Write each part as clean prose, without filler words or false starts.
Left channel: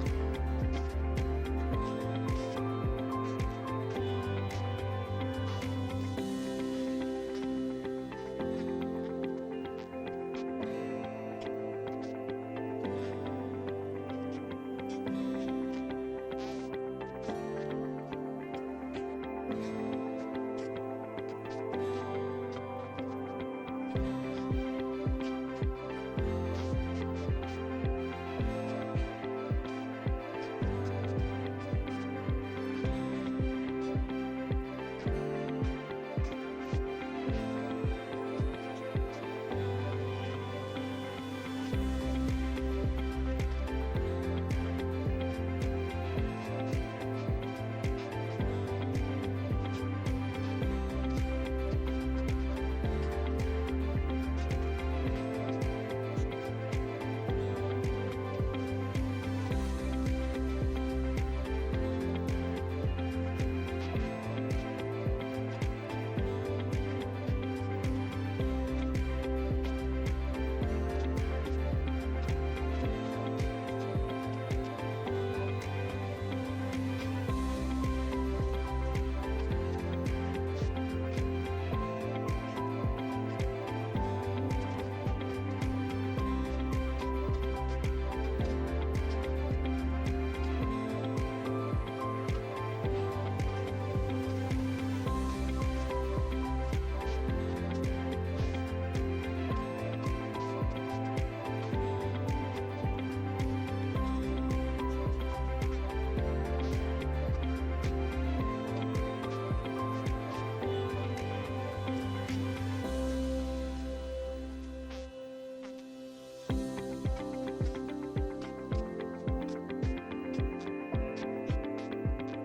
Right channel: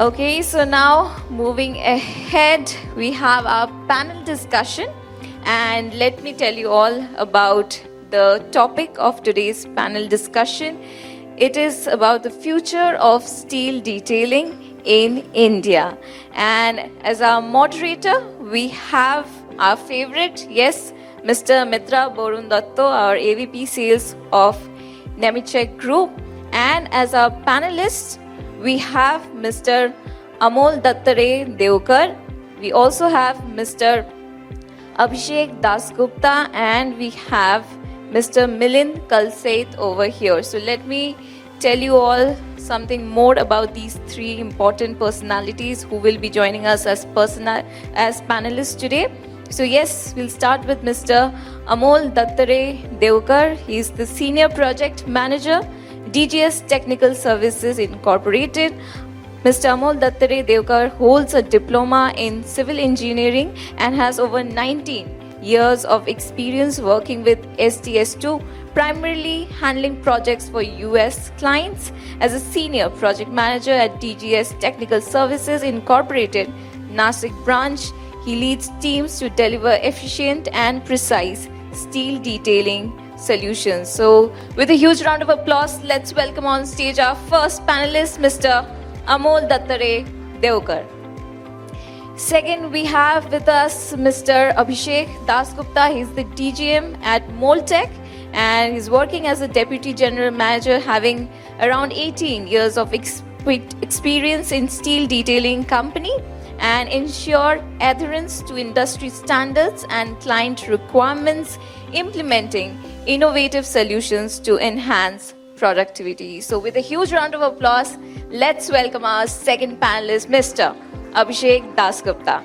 Okay, so now moving ahead, we have our panel discussion. And let me tell you all about the topic of today's panel discussion. It is about the future of steel detailing in India. And as our moderator, we have our favorite, yes, Mr. Mitra Borundatto, our AVP Sales of Nemetschek Group. And as our panelists, we have Mr. Amol Dattare Devkar. We also have Mr. Abhishek Dasgupta, and we have Mr. Milind Kalseth over here. So let me tell you all something more about these three important personalities who will be joining us as panelists today. So yes, we'll start with Mr. Amol Dattare Devkar. He is the Senior Project Manager, DGS Technical Services Incorporated. Mr. Amol Dattare Devkar holds a diploma in civil engineering and has over 19 years of experience working with STS2, primarily handling projects for US clients. As a senior project manager at DGS Technical Services Incorporated, Nashik branch, he leads teams to deliver efficient and precise steel detailing solutions. So with a huge round of applause, let's welcome on stage our first panelist, Mr. Amol Dattare Devkar. Second, we have with us Mr. Abhishek Dasgupta. He's the DGM at Moltech and he's working as a Deputy General Manager, having around 18 years of experience in steel detailing company and ensure adherence to industry standards and client requirements, implementing innovative solutions to enhance productivity. So with a huge round of applause, let's welcome our second panelist, Mr. Abhishek Dasgupta.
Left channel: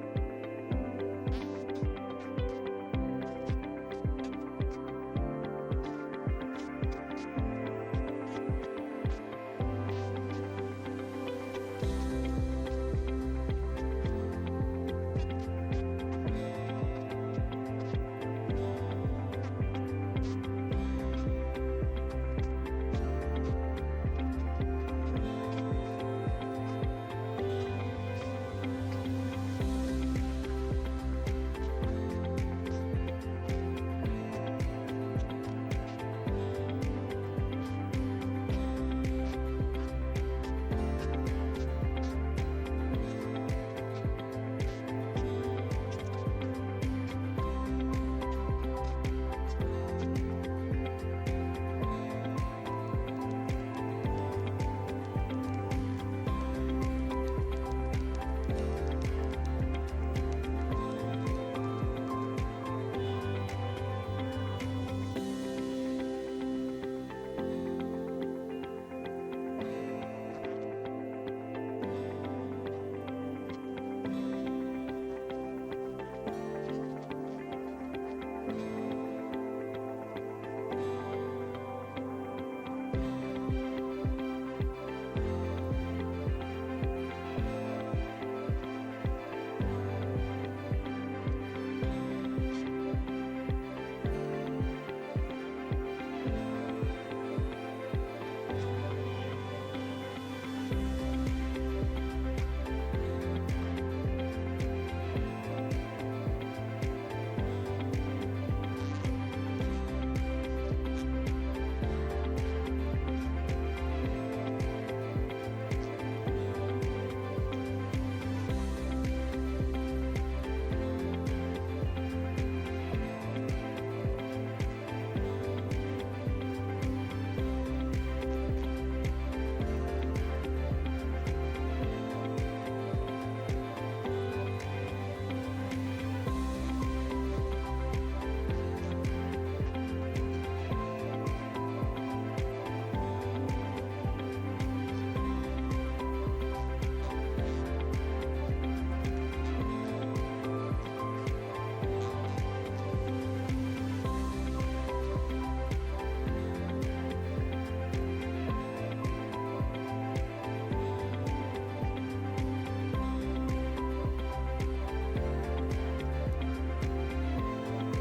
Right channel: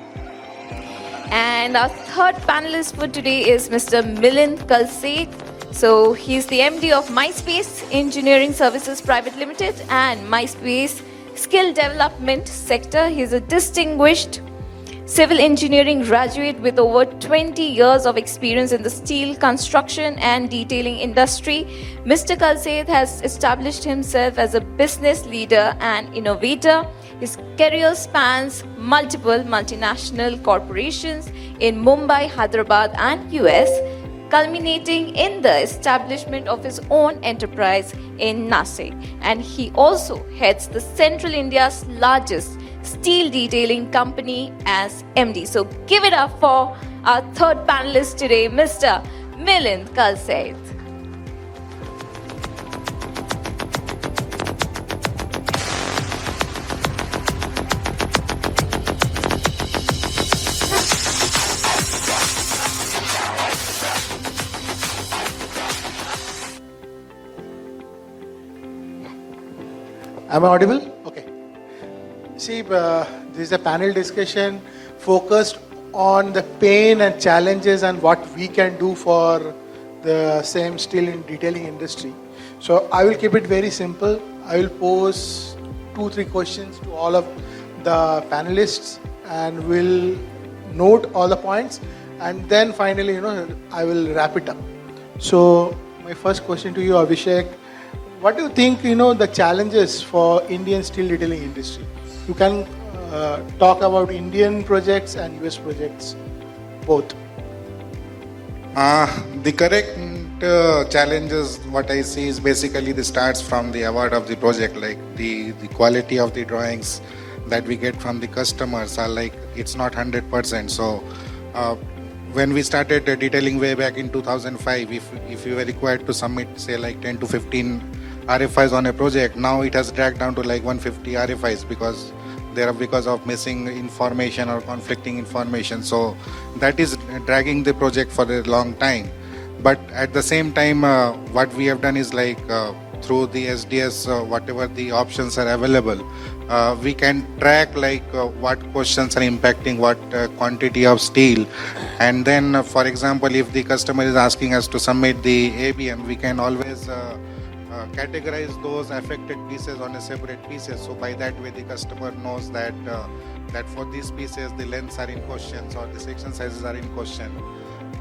And our third panelist for today is Mr. Milind Kalseth. So he's the MD of MySpace Engineering Services Private Limited and MySpace Skill Development Sector. He's a distinguished civil engineering graduate with over 20 years of experience in the steel construction and detailing industry. Mr. Kalseth has established himself as a business leader and innovator. His career spans multiple multinational corporations in Mumbai, Hyderabad, and US, culminating in the establishment of his own enterprise in Nashik. And he also heads the Central India's largest steel detailing company as MD. So give it up for our third panelist today, Mr. Milind Kalseth. Am I audible? Okay. See, this is a panel discussion focused on the pain and challenges and what we can do for the same steel and detailing industry. So I will keep it very simple. I will pose 2-3 questions to all of the panelists and will note all the points, and then finally, I will wrap it up. So my first question to you, Abhishek. What do you think, the challenges for Indian steel detailing industry? You can talk about Indian projects and US projects, both. The correct challenges, what I see is basically the starts from the award of the project, like the quality of the drawings that we get from the customers are like, it's not 100%. So when we started detailing way back in 2005, if you were required to submit, say like 10 to 15 RFIs on a project, now it has dragged down to like 150 RFIs because of missing information or conflicting information. So that is dragging the project for a long time. But at the same time, what we have done is like through the SDS, whatever the options are available, we can track like what questions are impacting what quantity of steel. And then, for example, if the customer is asking us to submit the ABM, we can always categorize those affected pieces on a separate pieces. So by that way, the customer knows that that for these pieces, the lengths are in question or the section sizes are in question.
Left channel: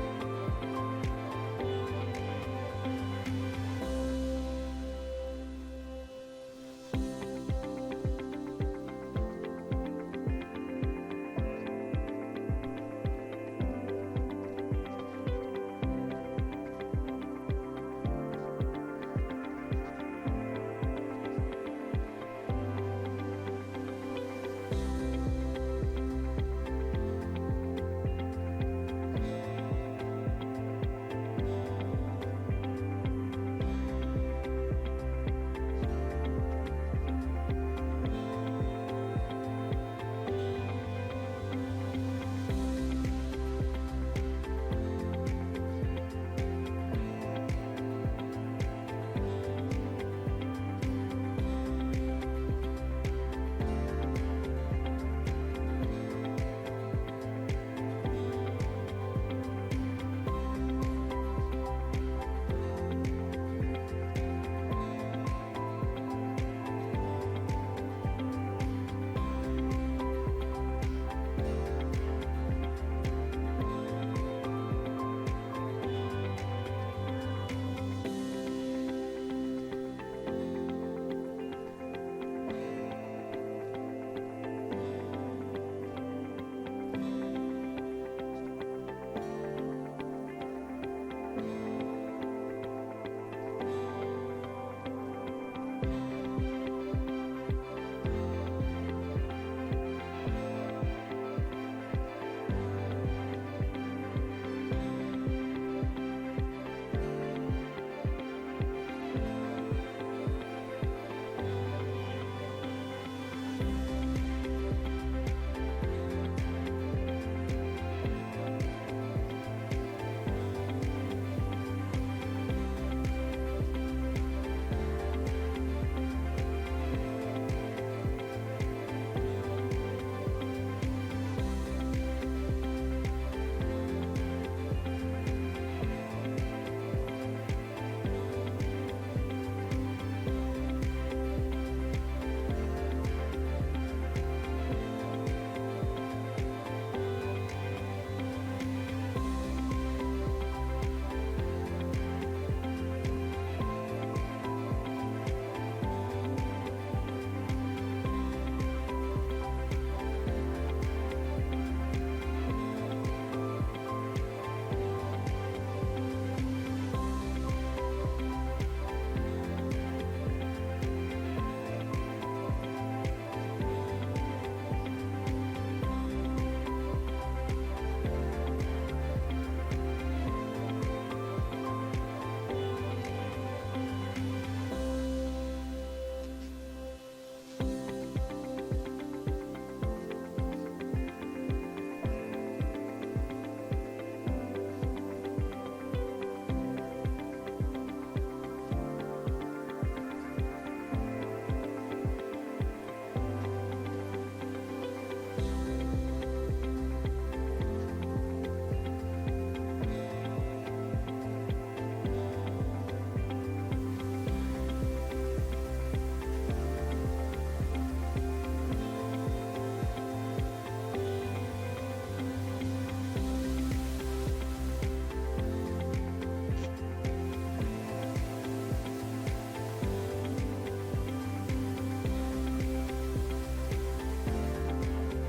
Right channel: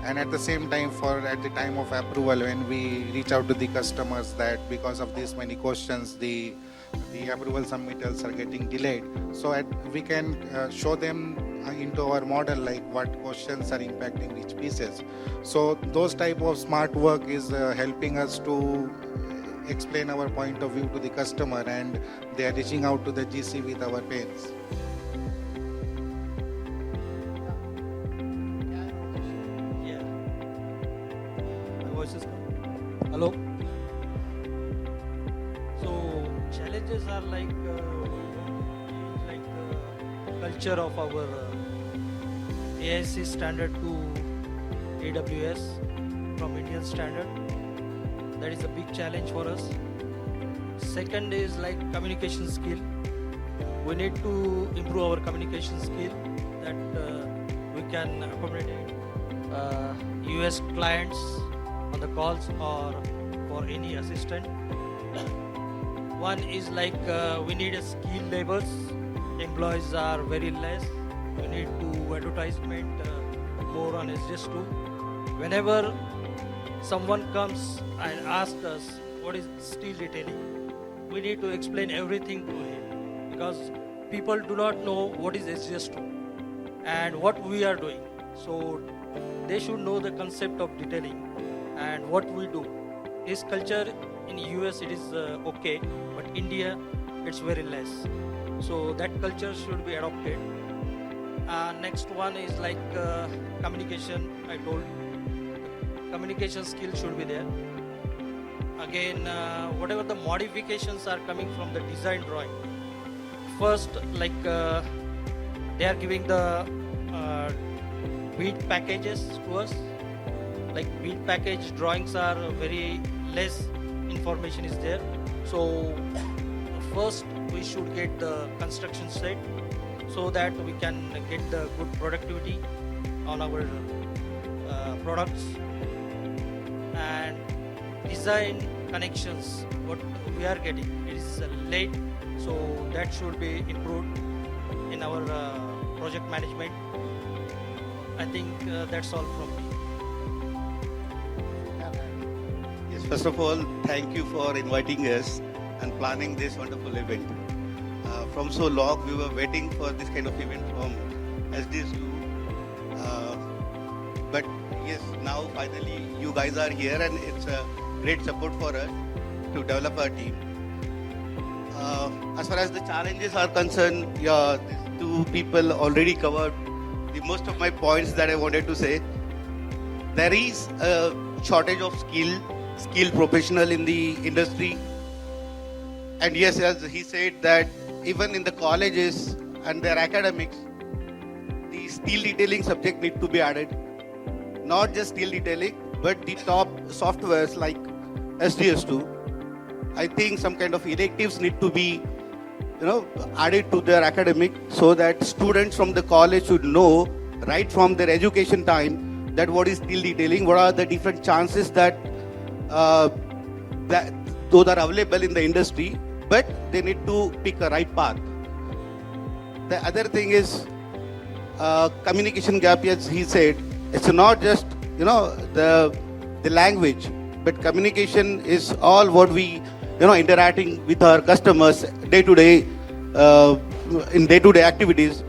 And at the same time, at the time of approval, when we reach out to the customers that because of these many questions, the the approval submittals are getting delayed. So we can show them into our model like what questions are impacting which pieces. So those type of smart work is helping us to explain our point of view to the customer, and they are reaching out to the GC with our pains. Hello. So challenges are like culture of our AIC standard to AWS from Indian standard. That is a big challenge for us. Second is like communication skill. We need to improve our communication skill that we can accommodate US clients on the calls or for any assistant. One is like we need a skill labels. Employees are very less. We need to advertisement more on SGS2. Whenever someone comes and asks us what is steel retailing, we need to explain everything to him because people do not know what is SGS2 and what we are doing. So they should know the concept of detailing and what we do. This culture in US it is okay, but India it's very less. So that culture should be adopted. Next one is like communication. I told communication skill should be there. Again, whatever the modifications are coming from the design drawing. First, like they are giving the bead packages to us. Like bead package drawings are very less information is there. So first we should get the construction set so that we can get the good productivity on our products. And design connections, what we are getting is late, so that should be improved in our project management. I think that's all from me. Yes, first of all, thank you for inviting us and planning this wonderful event. From so long, we were waiting for this kind of event from SDSU. But yes, now finally you guys are here, and it's a great support for us to develop our team. As far as the challenges are concerned, yeah, these two people already covered most of my points that I wanted to say. There is a shortage of skilled professional in the industry. And yes, as he said that even in the colleges and their academics, the steel detailing subject need to be added. Not just steel detailing, but the top softwares like SDS2. I think some kind of electives need to be added to their academic so that students from the college should know right from their education time that what is steel detailing, what are the different chances that those are available in the industry, but they need to pick a right path. The other thing is communication gap. As he said, it's not just the language, but communication is all what we interacting with our customers day to day in day-to-day activities,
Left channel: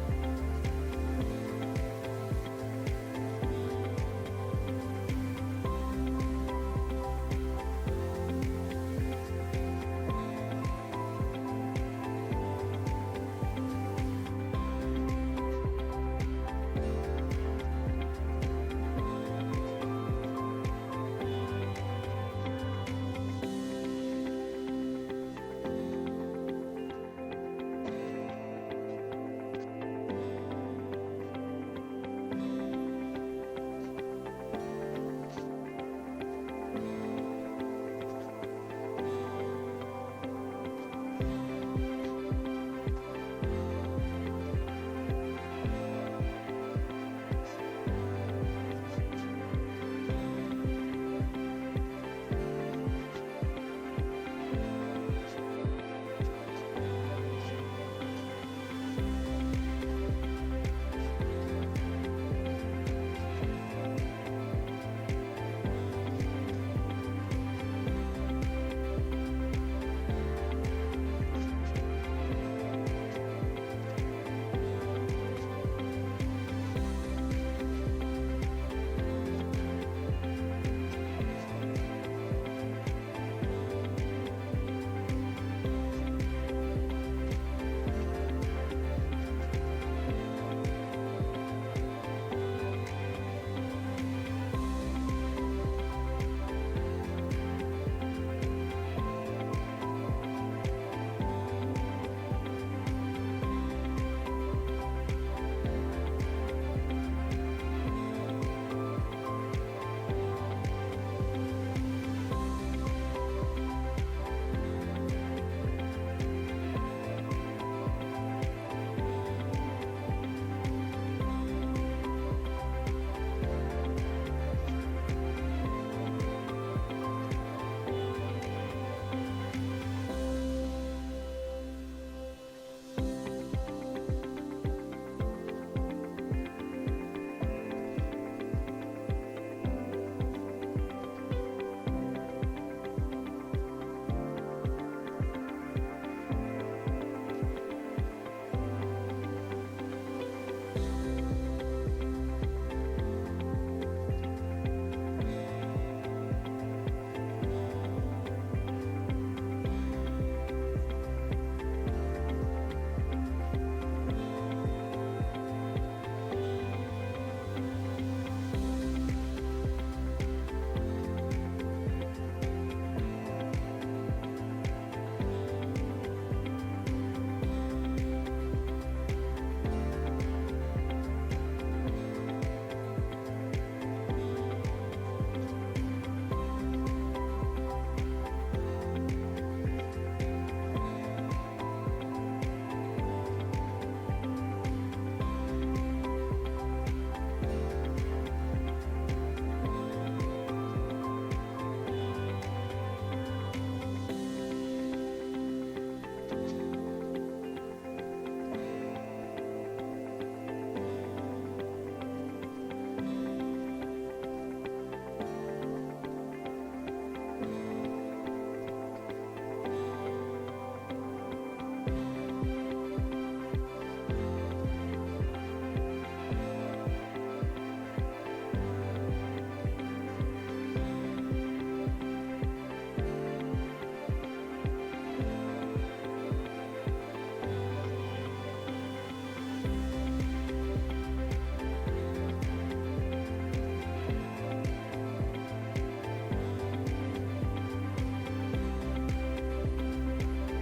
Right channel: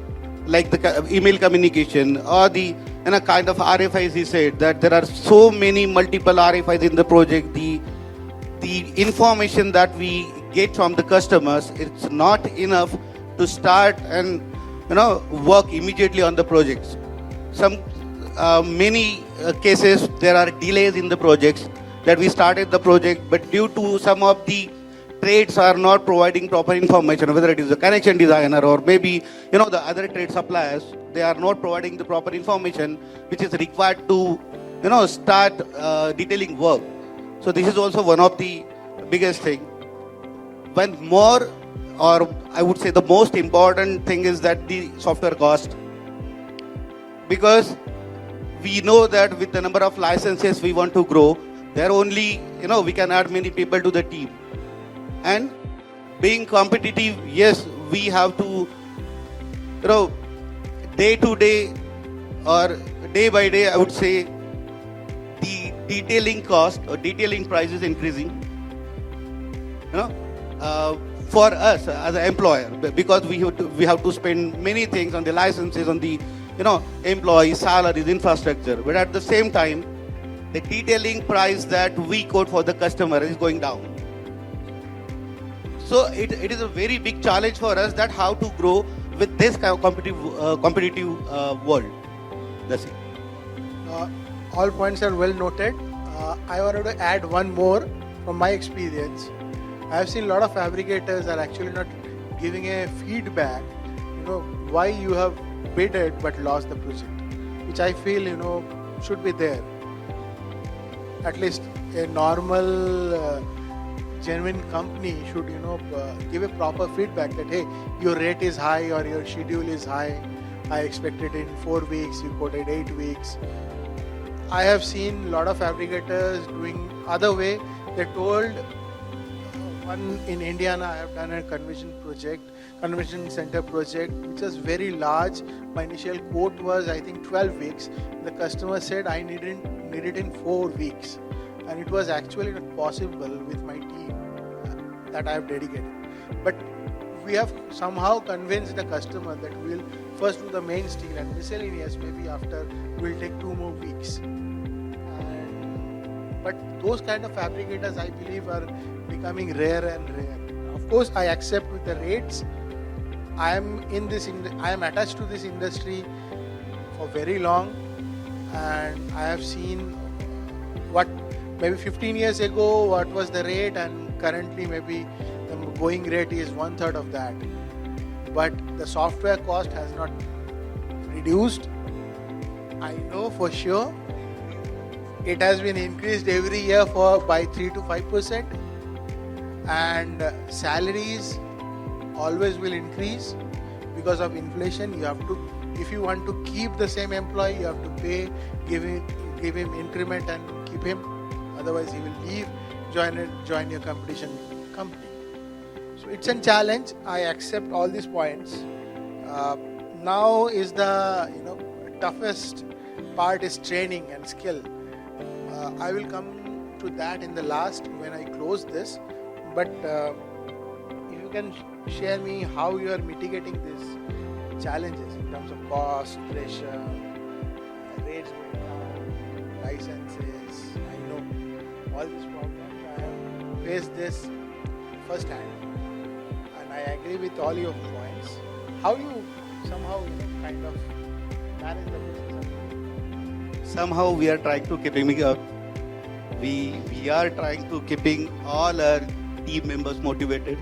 like the email communication or the kind of RFIs. He said that there are so many multiple RFIs in the project. The information that we get from the customers, it's not enough to start and work immediately on the projects. Some many cases there are delays in the projects that we started the project, but due to some of the trades are not providing proper information, whether it is a connection designer or maybe the other trade suppliers, they are not providing the proper information which is required to start detailing work. So this is also one of the biggest thing. When more, or I would say the most important thing is that the software cost, because we know that with the number of licenses we want to grow, there only we can add many people to the team. And being competitive, yes, we have to day to day or day by day, I would say the detailing cost or detailing price is increasing. for us as an employer, because we have to spend many things on the licenses, on the employees, salaries, infrastructure. But at the same time, the detailing price that we quote for the customer is going down. So it is a very big challenge for us that how to grow with this kind of competitive world. That's it. All points are well noted. I wanted to add one more from my experience. I have seen a lot of fabricators are actually not giving a feedback, why you have bid it but lost the project, which I feel, should be there. At least a normal, genuine company should, give a proper feedback that, hey, your rate is high or your schedule is high. I expected in 4 weeks, you quoted 8 weeks. I have seen a lot of fabricators doing other way. They told one in Indiana, I have done a convention center project, which was very large. My initial quote was, I think, 12 weeks. The customer said I need it in 4 weeks. And it was actually not possible with my team that I have dedicated. But we have somehow convinced the customer that we will first do the main steel and miscellaneous maybe after will take 2 more weeks. But those kind of fabricators, I believe, are becoming rare and rare. Of course, I accept with the rates. I am attached to this industry for very long, and I have seen what maybe 15 years ago what was the rate, and currently maybe the going rate is 1/3 of that. But the software cost has not reduced. I know for sure it has been increased every year by 3 to 5%, and salaries always will increase because of inflation. You have to, if you want to keep the same employee, you have to pay, give him increment and keep him. Otherwise, he will leave, join your competition company. So it's a challenge. I accept all these points. Now is the toughest part is training and skill. I will come to that in the last when I close this. But if you can share me how you are mitigating these challenges in terms of cost, pressure, licenses, all these problems. I faced this first hand, and I agree with all your points. How you somehow kind of manage the process? Somehow we are trying to keeping up. We are trying to keeping all our team members motivated.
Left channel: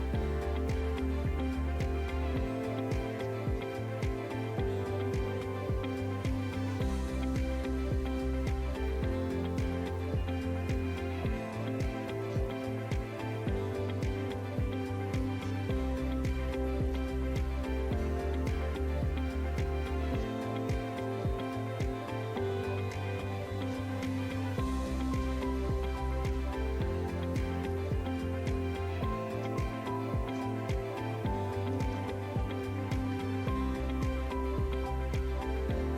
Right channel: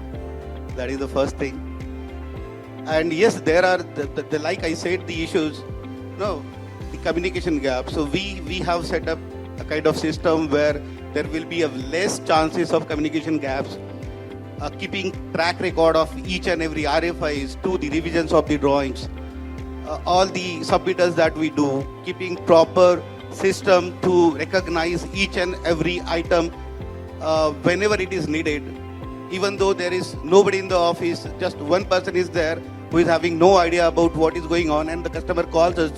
That is the first thing. And yes, there are the like I said, the issues. No, the communication gap. So we have set up a kind of system where there will be a less chances of communication gaps. Keeping track record of each and every RFIs to the revisions of the drawings, all the submittals that we do, keeping proper system to recognize each and every item whenever it is needed. Even though there is nobody in the office, just one person is there who is having no idea about what is going on, and the customer calls us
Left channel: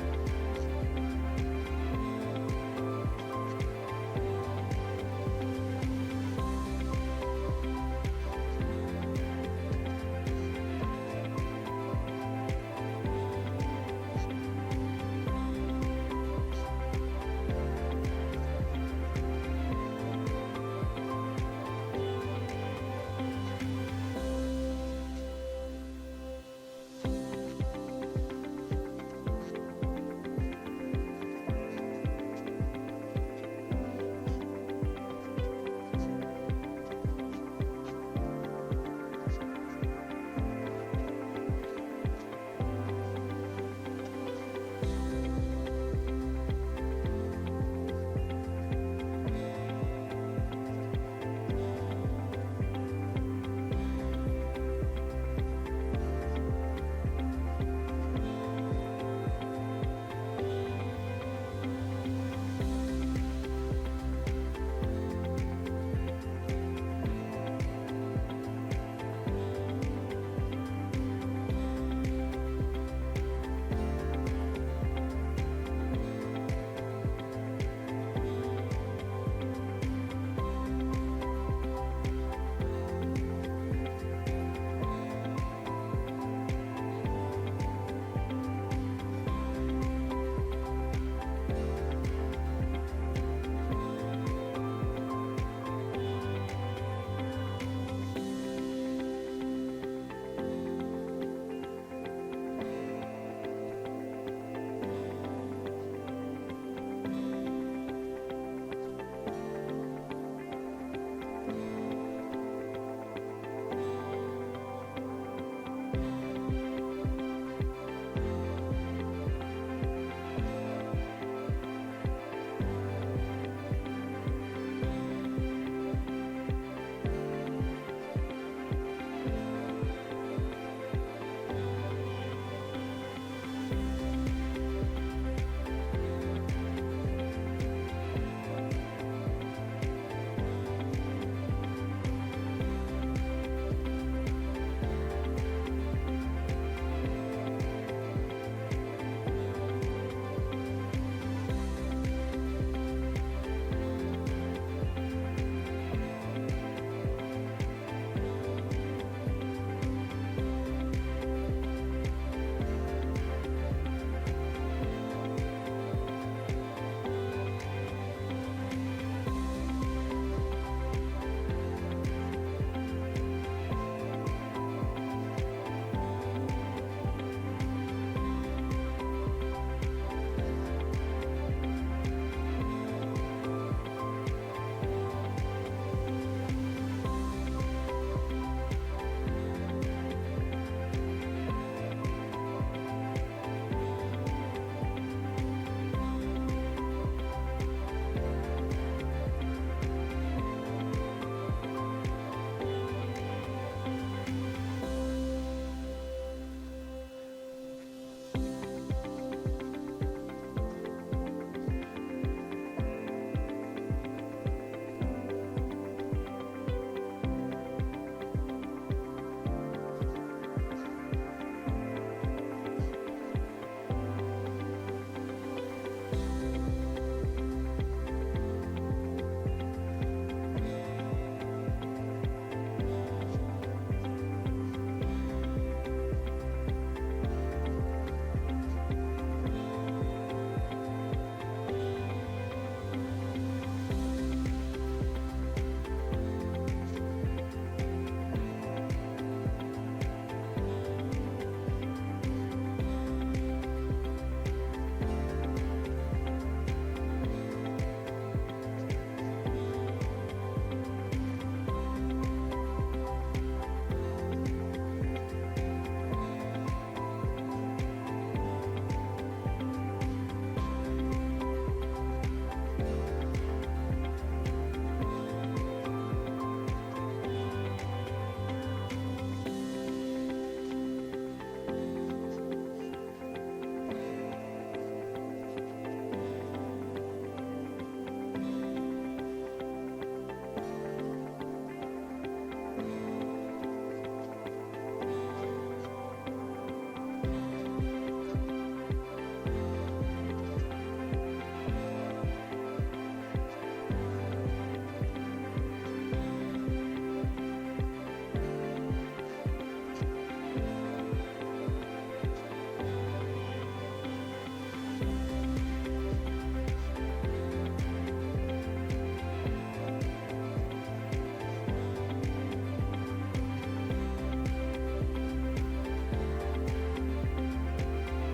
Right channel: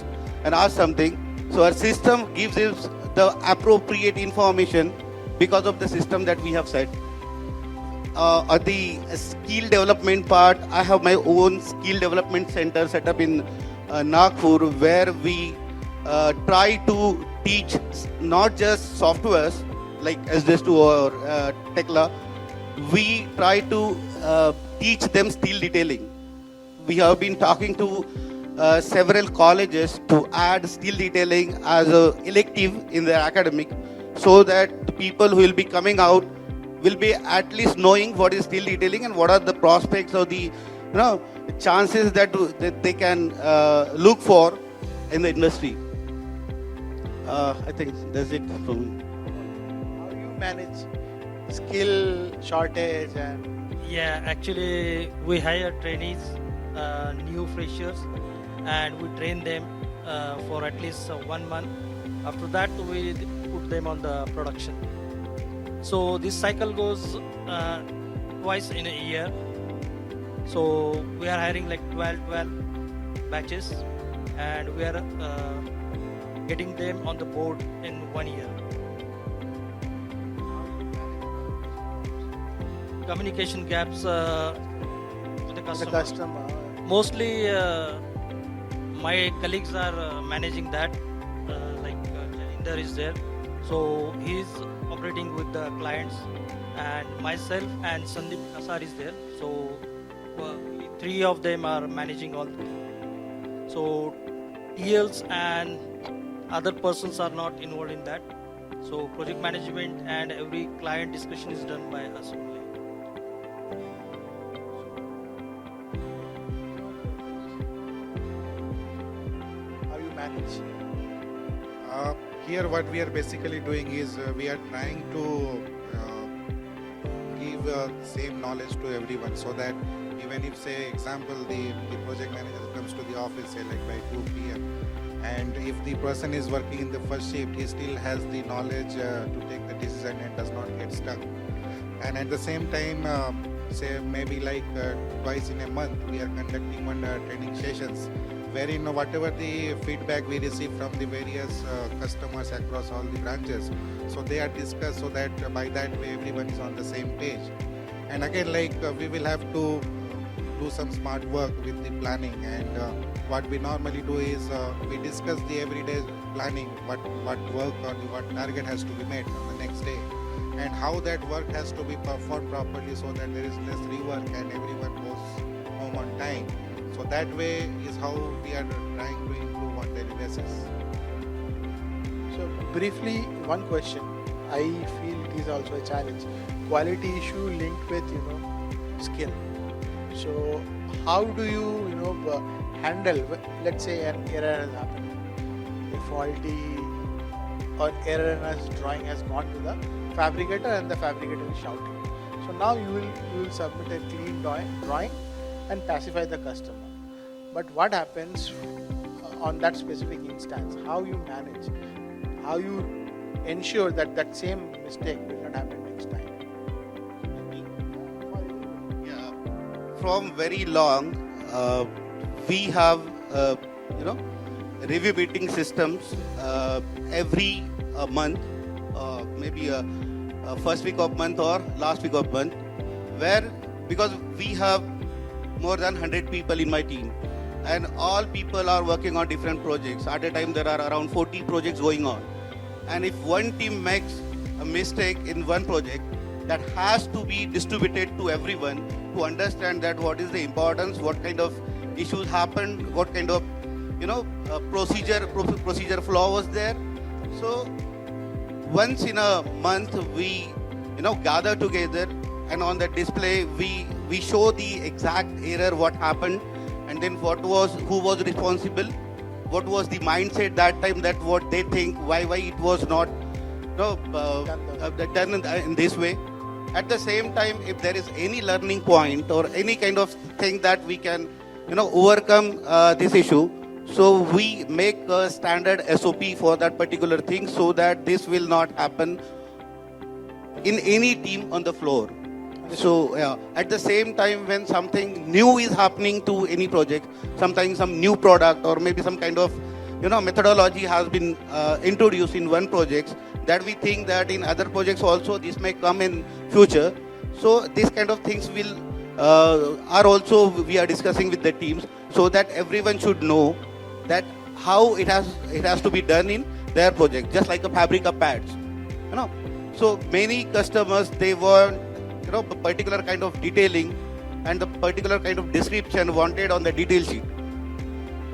and asks something. So our system gives us the appropriate information because of the system that we have set. On the skill development part, I have my own skill development center set up in Nagpur, where we try to teach not just softwares like SD2 or Tekla. We try to teach them steel detailing. We have been talking to several colleges to add steel detailing as an elective in their academic, so that the people who will be coming out will be at least knowing what is steel detailing and what are the prospects or the chances that they can look for in the industry. I think that's it from me. How do you manage skill shortage and Yeah, actually, we hire trainees, new freshers, and we train them for at least 1 month. After that, we put them on the production. So this cycle goes twice in a year. So we are hiring like 12 batches, and we are getting them on the board in 1 year. communication gaps with the The customer. customer. Mostly, my colleagues are managing that. Inder is there, so he is operating with the clients, and myself and Sandeep Kasar is there. So three of them are managing all. So TLs and other persons are not involved in that. So project management and every client discussion is done by us. How you manage? Here what we are basically doing is we are trying to give same knowledge to everyone so that even if, say, example, the project manager comes to the office say like by 2 p.m. and if the person is working in the first shift, he still has the knowledge to take the decision and does not get stuck. And at the same time, say maybe like twice in a month, we are conducting one training sessions wherein whatever the feedback we receive from the various customers across all the branches, so they are discussed so that by that way everyone is on the same page. And again, like we will have to do some smart work with the planning, and what we normally do is we discuss the everyday planning, what work or what target has to be met on the next day, and how that work has to be performed properly so that there is less rework and everyone goes home on time. So that way is how we are trying to improve on daily basis. So briefly, one question. I feel it is also a challenge. Quality issue linked with skill. So how do you handle, let's say, an error has happened, a faulty or error in a drawing has gone to the fabricator and the fabricator will shout it. So now you will submit a clean drawing and pacify the customer. But what happens on that specific instance? How you manage? How you ensure that that same mistake will not happen next time? Yeah. From very long, we have review meeting systems every month, maybe first week of month or last week of month, where because we have more than 100 people in my team, and all people are working on different projects. At a time there are around 40 projects going on, and if one team makes a mistake in one project, that has to be distributed to everyone to understand that what is the importance, what kind of issues happened, what kind of procedure flaw was there. So once in a month we gather together, and on the display we show the exact error, what happened, and then who was responsible, what was the mindset that time, that what they think, why it was not done in this way. At the same time, if there is any learning point or any kind of thing that we can overcome this issue, so we make a standard SOP for that particular thing so that this will not happen in any team on the floor. So at the same time, when something new is happening to any project, sometimes some new product or maybe some kind of methodology has been introduced in one project, that we think that in other projects also this may come in future. So these kind of things will are also we are discussing with the teams, so that everyone should know that how it has to be done in their project, just like the Fabrica pads. So many customers, they want particular kind of detailing and the particular kind of description wanted on the detail sheet.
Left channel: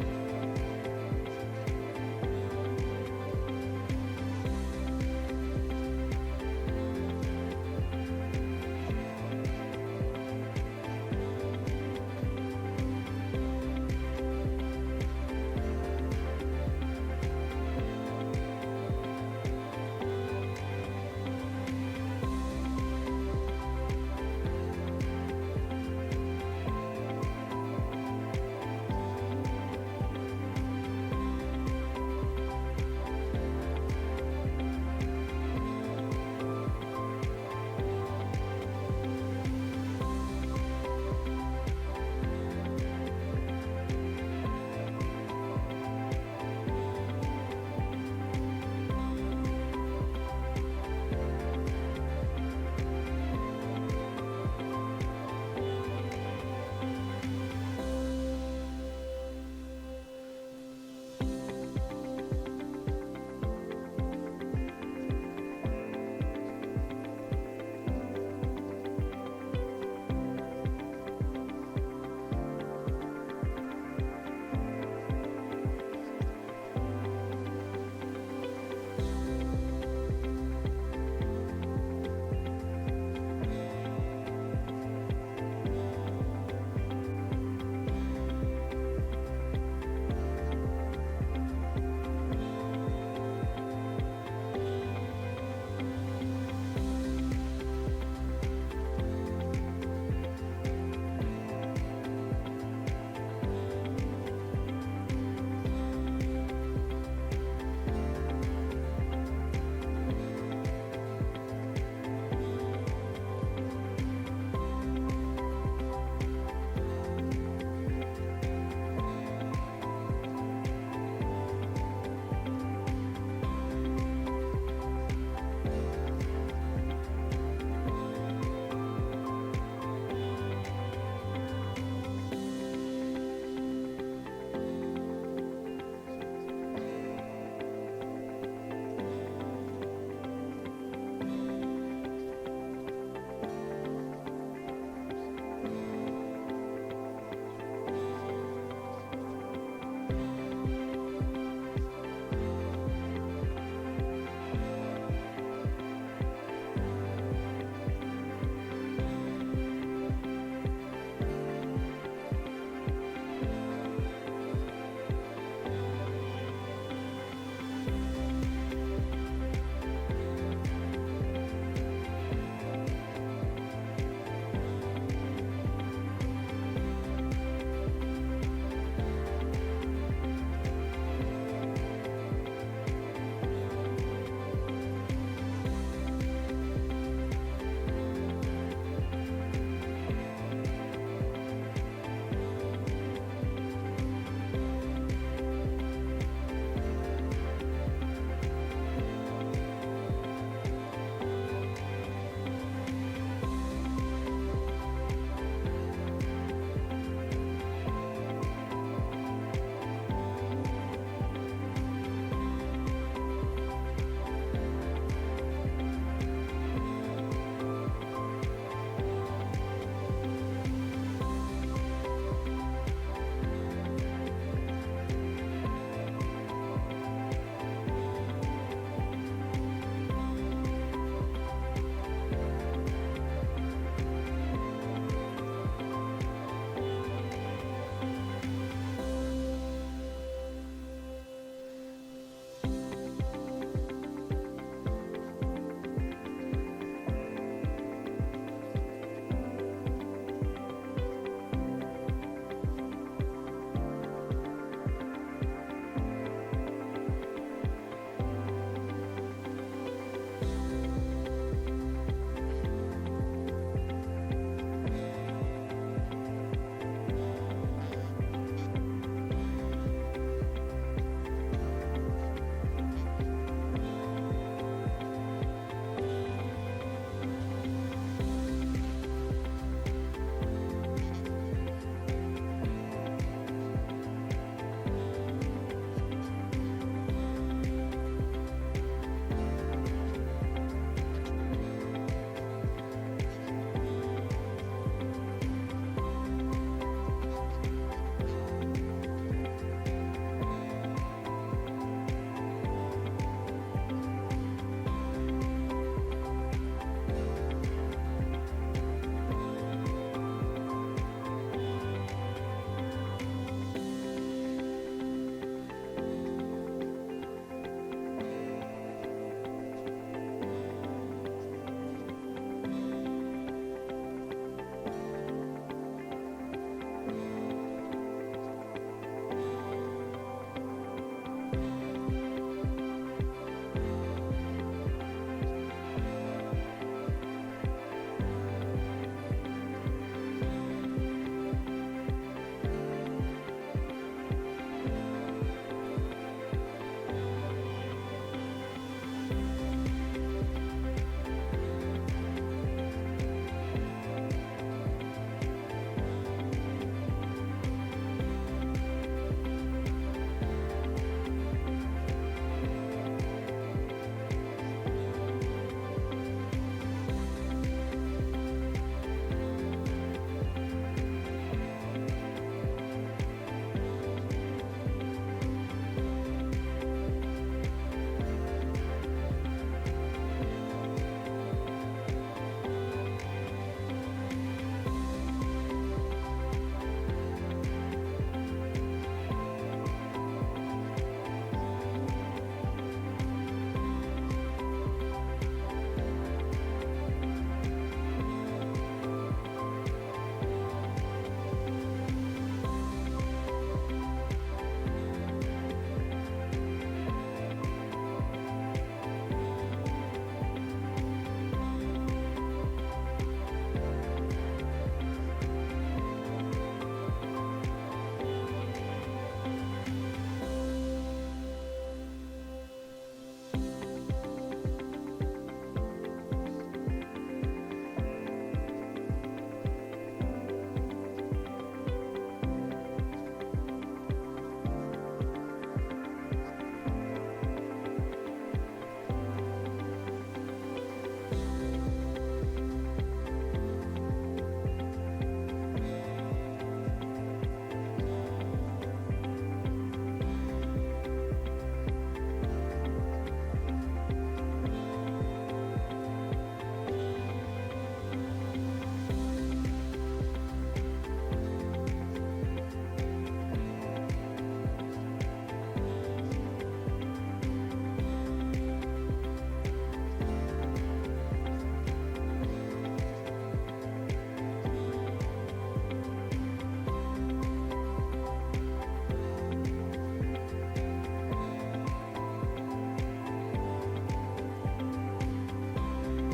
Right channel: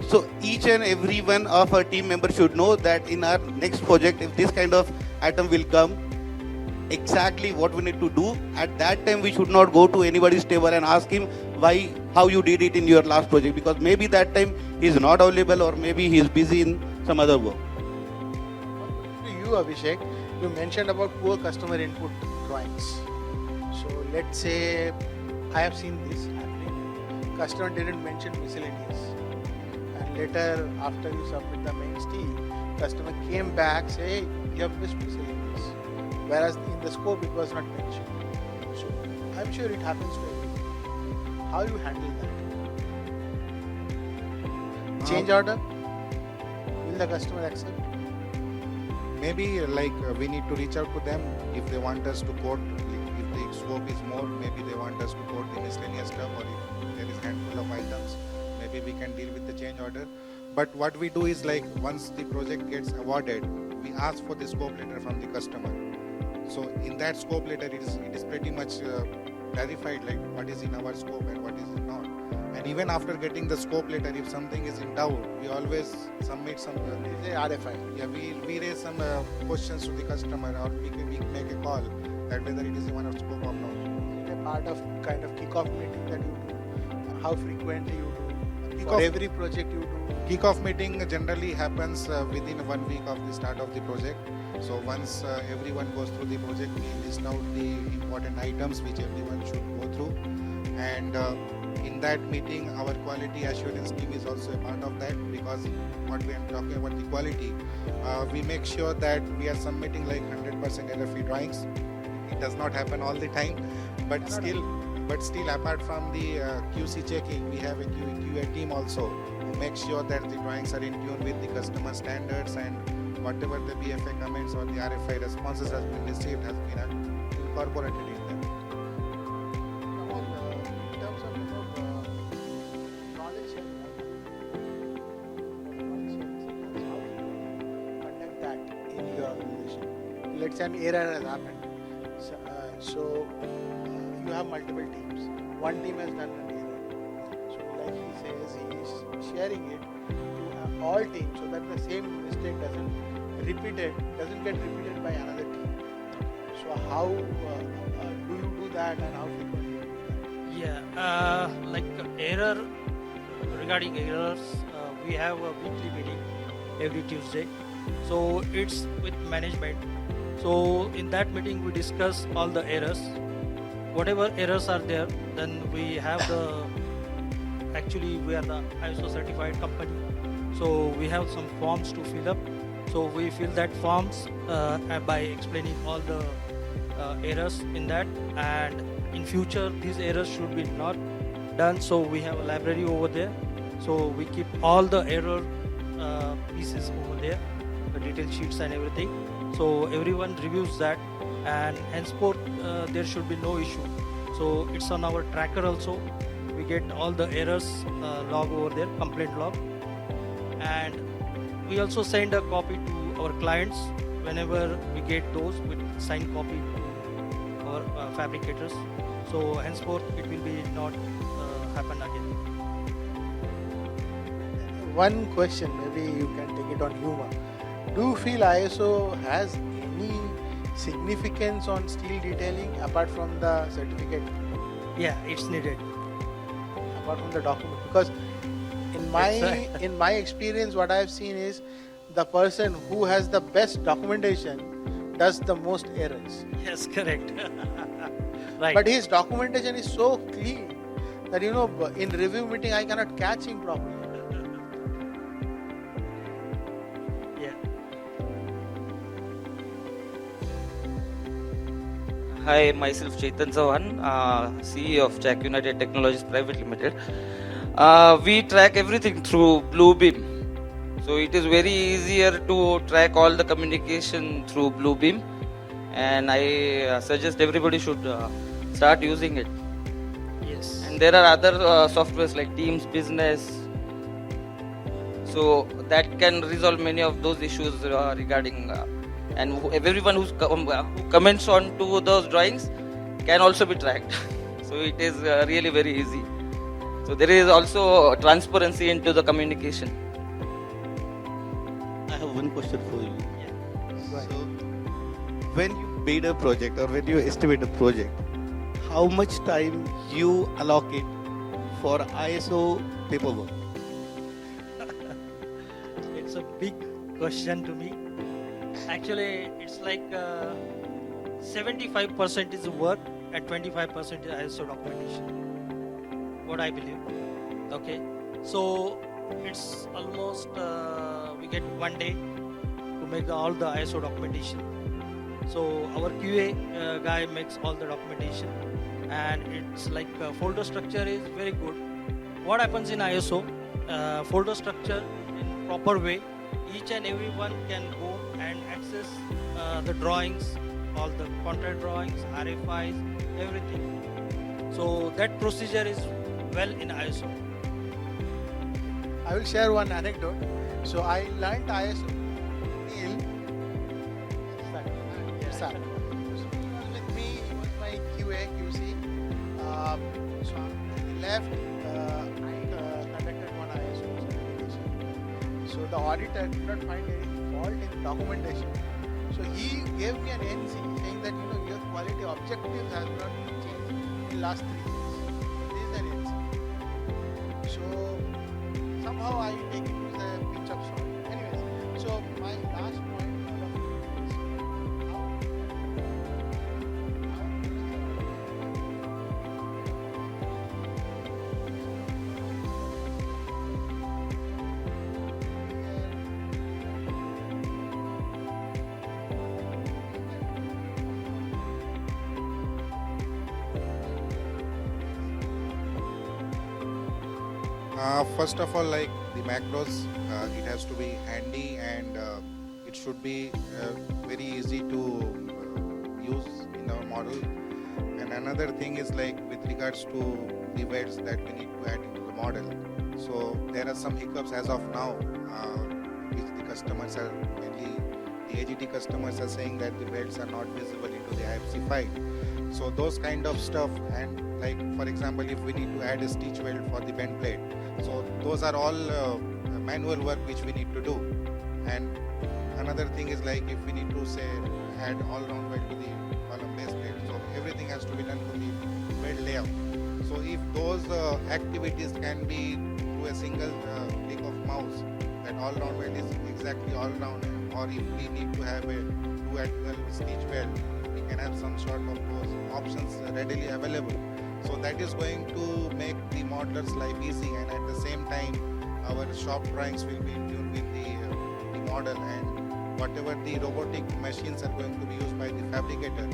So each and every one of our team members should know that in our next project, if this kind of item will come, exactly what we need to do. At that time, we should not go to anybody's table and ask him how you did it in your last project, because maybe that time he is not available or maybe he is busy in some other work. To you, Abhishek, you mentioned about poor customer input drawings. So let's say I have seen this happening. Customer didn't mention miscellaneous, and later after you submit the MST, customer came back say you have missed miscellaneous, whereas in the scope it was not mentioned. So I'm sure it happens to you. How you handle that? Change order? Will the customer accept? Maybe like we need to reach out to them if they want us to quote. If the scope is more, maybe But what we do is like once the project gets awarded, we ask for the scope letter from the customer. So in that scope letter, it is pretty much clarified like what is in our scope and what is not. And even after getting the scope letter, if something is in doubt, we always submit some RFI. Yeah, we raise some questions to the customer, or we make a call that whether it is even on scope or not. A part of kind of kickoff meeting that you do, how frequently you do, for Kickoff- every project you do. Kickoff meeting generally happens within 1 week of the start of the project. So once everyone goes through the project, we list out the important items which everyone should go through. And in that meeting, our quality assurance team is also a part of that, because what we are talking about the quality, we make sure that we are submitting like 100% error-free drawings. It does not happen all the time, but still apart from the QC checking, we have a QA team also to make sure that the drawings are in tune with the customer standards, and whatever the BFA comments or the RFI responses has been received has been incorporated in them. In terms of knowledge, attempt that in your organization. Let's say an error has happened. So you have multiple teams. One team has done an error. So like he says, he's sharing it to all teams so that the same mistake doesn't get repeated by another team. So how do you do that, and how do you Like error, regarding errors, we have a weekly meeting every Tuesday. So it's with management. So in that meeting we discuss all the errors. Whatever errors are there, then we have actually we are the ISO certified company. So we have some forms to fill up. So we fill that forms by explaining all the errors in that, and in future these errors should be not done. So we have a library over there. So we keep all the error pieces over there, the detail sheets and everything. So everyone reviews that, and henceforth there should be no issue. So it's on our tracker also. We get all the errors log over there, complaint log, and we also send a copy to our clients whenever we get those. We sign copy to our fabricators. So henceforth it will be not happen again. One question, maybe you can take it on humor. Do you feel ISO has any significance on steel detailing apart from the certificate, Yeah, it's needed. apart from the document? Because in my experience, what I have seen is the person who has the best documentation does the most errors. Yes, correct. Right. But his documentation is so clean that in review meeting I cannot catch him properly. Yeah. Hi, myself Chetan Sawan, CEO of Jack United Technologies Private Limited. We track everything through Bluebeam. So it is very easier to track all the communication through Bluebeam, and I suggest everybody should start using it. Yes. And there are other softwares like Teams Business, so that can resolve many of those issues regarding and everyone who comments on to those drawings can also be tracked. So it is really very easy. So there is also transparency into the communication. I have one question for you. So, when you bid a project or when you estimate a project, how much time you allocate for ISO paperwork? It's a big question to me. Actually, it's like 75% is work and 25% is ISO documentation. What I believe. Okay, so it's almost we get 1 day to make all the ISO documentation. So our QA guy makes all the documentation, and it's like folder structure is very good. What happens in ISO folder structure in proper way, each and everyone can go and access the drawings, all the contract drawings, RFIs, everything. So that procedure is well in ISO. I will will share one anecdote. So I learned ISO in SAP. With me, my QA, QC, so I left conducted one ISO certification. So the auditor did not find any fault in documentation. So he gave me an NC saying that your quality objectives have not been changed in the last 3 years. This is an NC. So somehow I take it with a pinch of salt. Anyways, so my last point First of all, like the macros, it has to be handy and it should be very easy to use in our model. And another thing is like with regards to the belts that we need to add into the model. So there are some hiccups as of now. Because the customers are mainly the AGT customers are saying that the belts are not visible into the IFC file. So those kind of stuff, and like for example, if we need to add a stitch weld for the bend plate. So those are all manual work which we need to do. And another thing is like if we need to say add all round weld to the column base plate, so everything has to be done to the weld layout. So if those activities can be to a single click of mouse, that all round weld is exactly all round, or if we need to have a 2 at 12 stitch weld, we can have some sort of those options readily available. So that is going to make the modeler's life easy, and at the same time our shop drawings will be tuned with the model, and whatever the robotic machines are going to be used by the fabricator,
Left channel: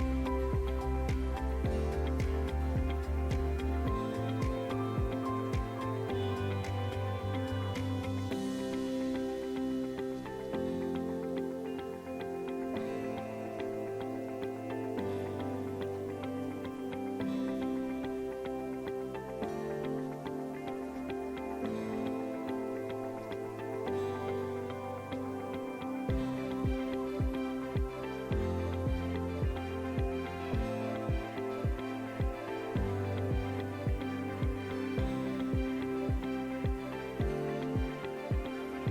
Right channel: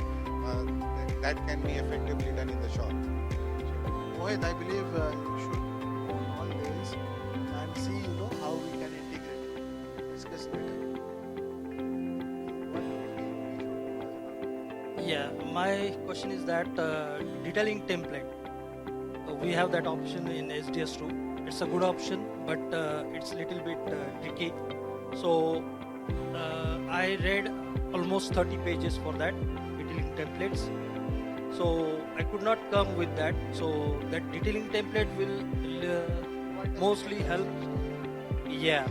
that can be effectively done in the shop. Mohit, I believe you should always and see how we can integrate, discuss it. Yeah, my question is that detailing template. We have that option in SDS2. It's a good option, but it's a little bit tricky. So I read almost 30 pages for that detailing templates. So I could not come with that. So that detailing template will mostly help. Yeah,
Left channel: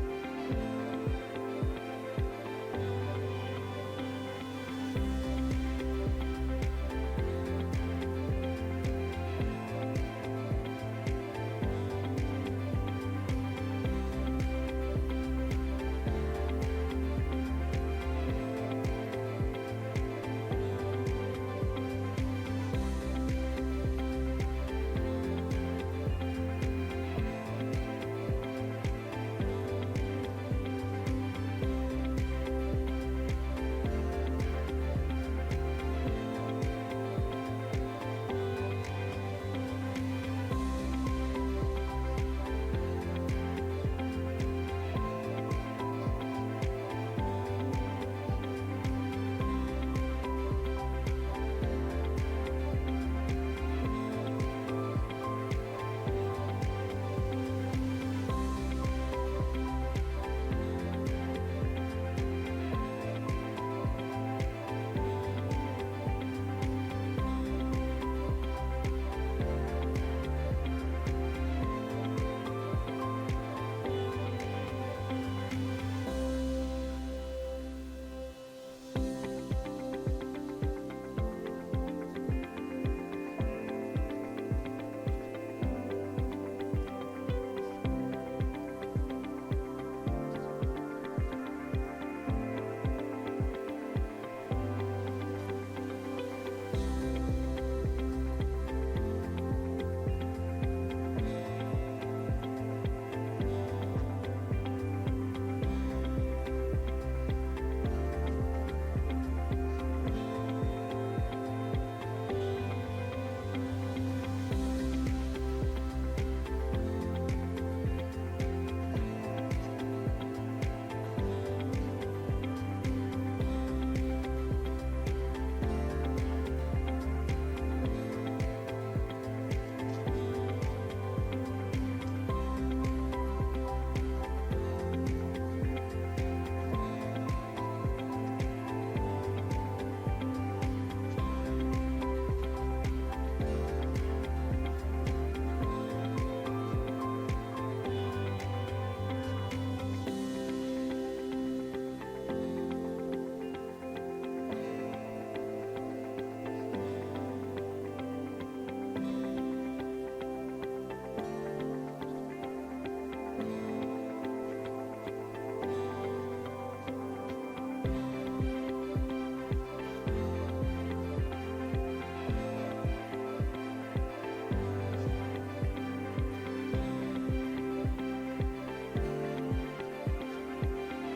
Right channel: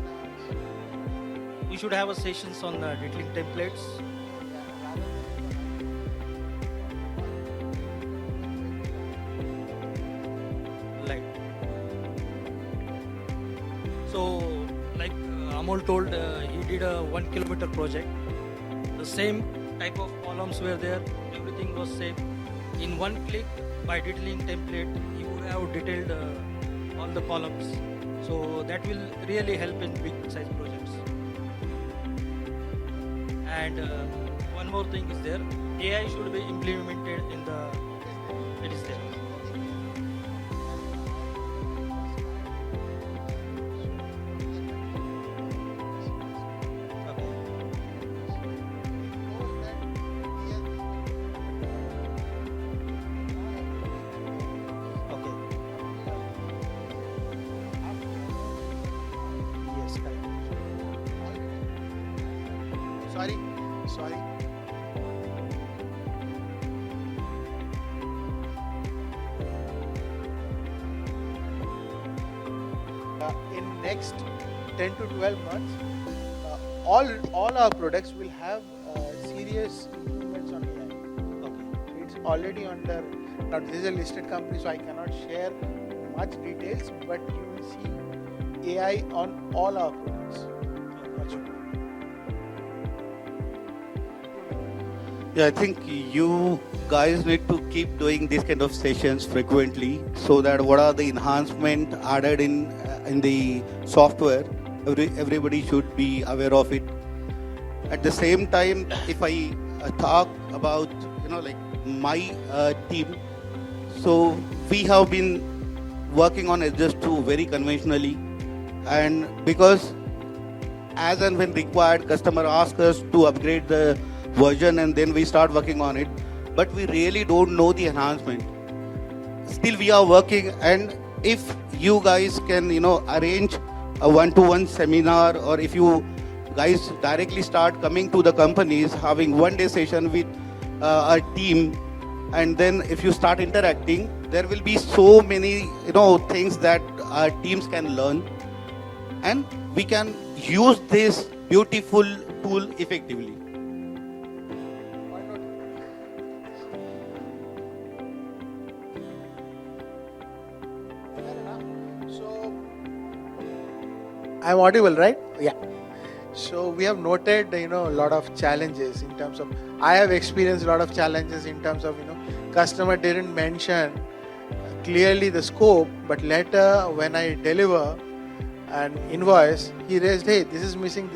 you should have a sessions on detailing templates. Like so, like Amol told, he did a 1 kilometer project. The same type of columns were there. Everything was same. In one click, by detailing template, you would have detailed on the columns. So that will really help in big size projects. And one more thing is there, AI should be implemented in the legislation. Sorry. In next 10 to 12 months, all our products will have serious improvements on AI. It's already under. Now this is a listed company, so I cannot share much details, but you will see AI on all our products. Yeah, I think you guys need to keep doing these kind of sessions frequently, so that what are the enhancement added in the software, everybody should be aware of it. At the same time, if I talk about like my team, so we have been working on HS2 very conventionally, and because as and when required, customer asks us to upgrade the version, and then we start working on it, but we really don't know the enhancement. Still we are working, and if you guys can arrange a one-to-one seminar, or if you guys directly start coming to the companies, having one-day session with a team, and then if you start interacting, there will be so many things that our teams can learn, and we can use this beautiful tool effectively. I'm audible, right? Yeah. So we have noted, a lot of challenges in terms of, I have experienced a lot of challenges in terms of, customer didn't mention clearly the scope, but later when I deliver an invoice, he raised, hey, this is missing,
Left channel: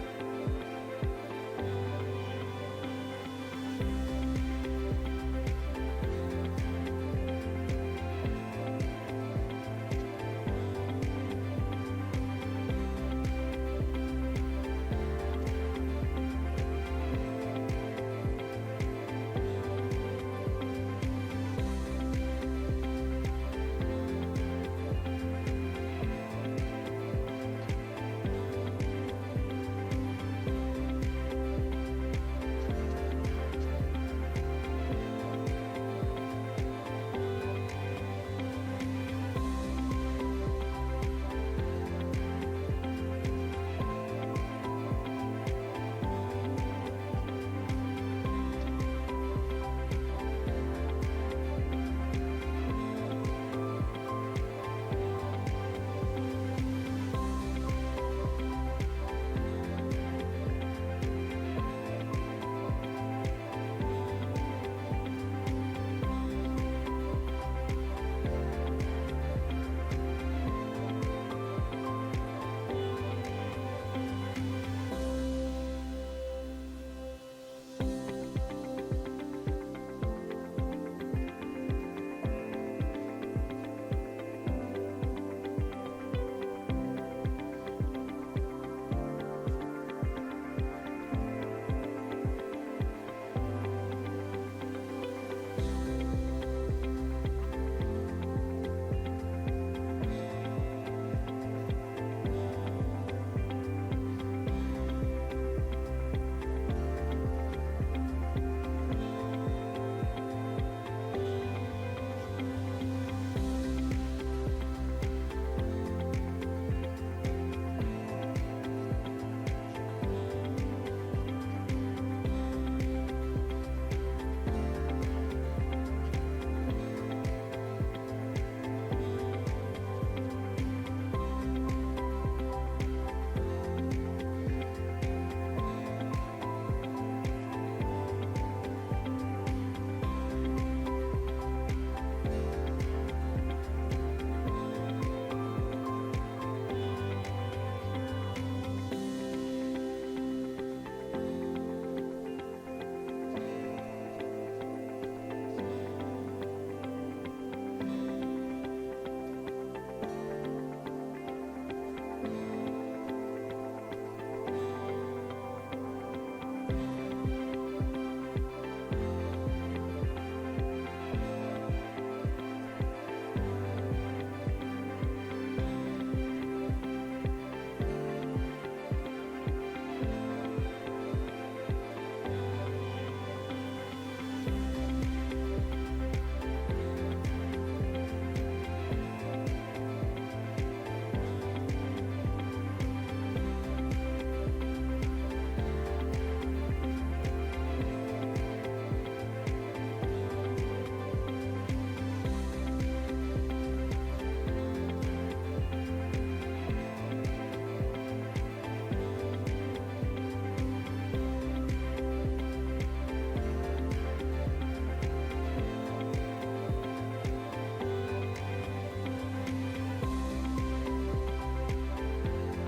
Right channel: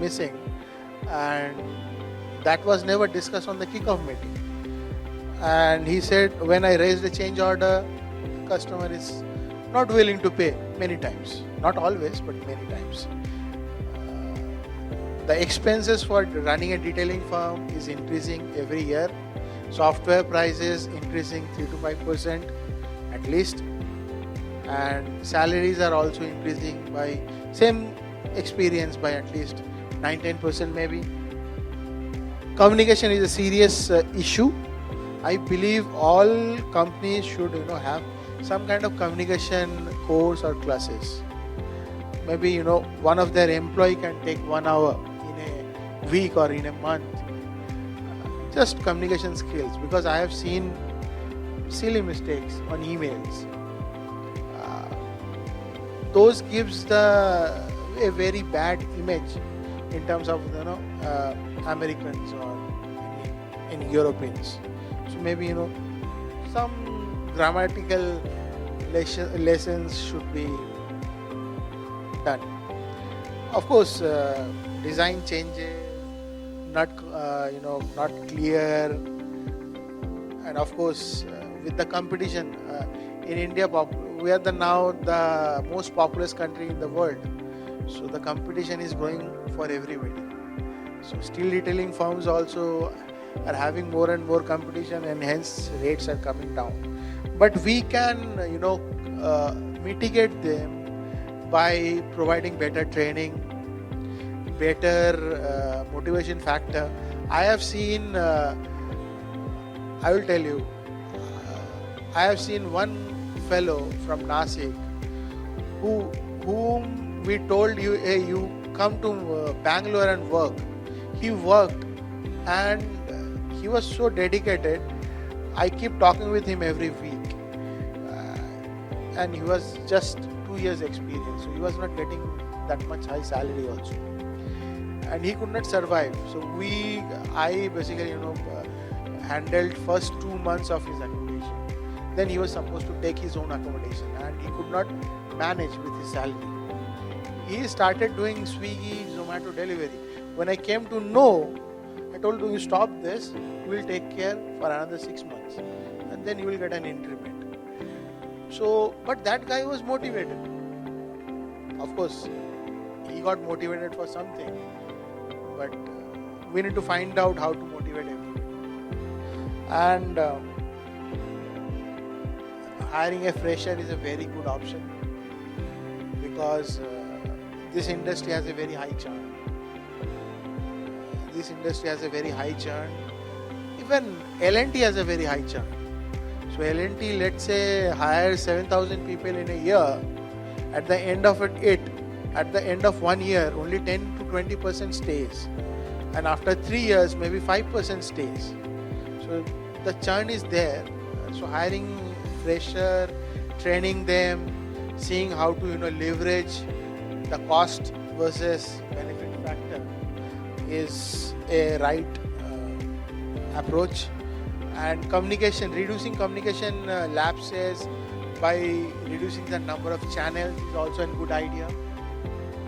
missing. And that was never discussed on the kickoff meeting. And he said, when I raised a change order, customer is not willing to pay many times. Not always, but many times. The expenses for running a detailing firm is increasing every year. Software prices increasing 3 to 5% at least. And salaries are also increasing by same experience by at least 9-10% maybe. Communication is a serious issue. I believe all companies should have some kind of communication course or classes. Maybe one of their employee can take 1 hour in a week or in a month. Just communication skills, because I have seen silly mistakes on emails. Those gives a very bad image in terms of Americans or in Europeans. So maybe some grammatical lessons should be done. Of course, design changes, not clear, and of course with the competition in India, we are now the most populous country in the world. So the competition is growing for everybody. So steel detailing firms also are having more and more competition, and hence rates are coming down. But we can, mitigate them by providing better training, better motivation factor. I have seen, I will tell you, I have seen one fellow from Nashik whom we told you, hey, you come to Bangalore and work. He worked and he was so dedicated. I keep talking with him every week. And he was just 2 years experience. So he was not getting that much high salary also. And he could not survive. So I basically, handled first 2 months of his accommodation. Then he was supposed to take his own accommodation and he could not manage with his salary. He started doing Swiggy, Zomato delivery. When I came to know, I told him, you stop this, we will take care for another 6 months and then you will get an increment. So, but that guy was motivated. Of course, he got motivated for something, but we need to find out how to motivate him. And hiring a fresher is a very good option because this industry has a very high churn. Even L&T has a very high churn. So L&T, let's say, hires 7,000 people in a year. At the end of 1 year, only 10 to 20% stays. And after 3 years, maybe 5% stays. So the churn is there. So hiring fresher, training them, seeing how to leverage the cost versus benefit factor is a right approach. And communication, reducing communication lapses by reducing the number of channels is also a good idea.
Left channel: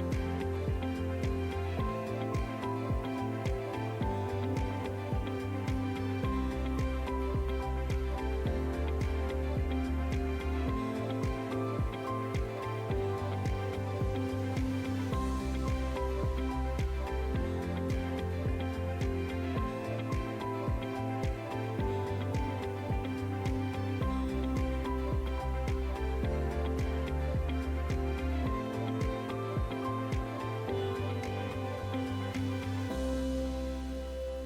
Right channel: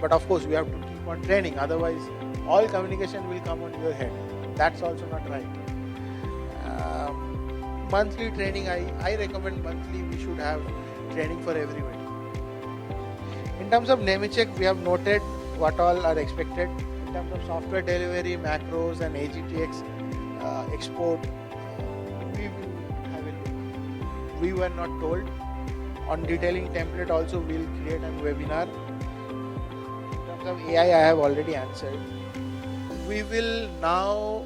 But of course, we have to keep on training. Otherwise, all communication will come on your head. That's also not right. Monthly training, I recommend monthly. We should have training for everyone. In terms of Nemetschek, we have noted what all are expected. In terms of software delivery, macros and AGTX export, we were not told. On detailing template also, we will create a webinar. AI I have already answered. We will now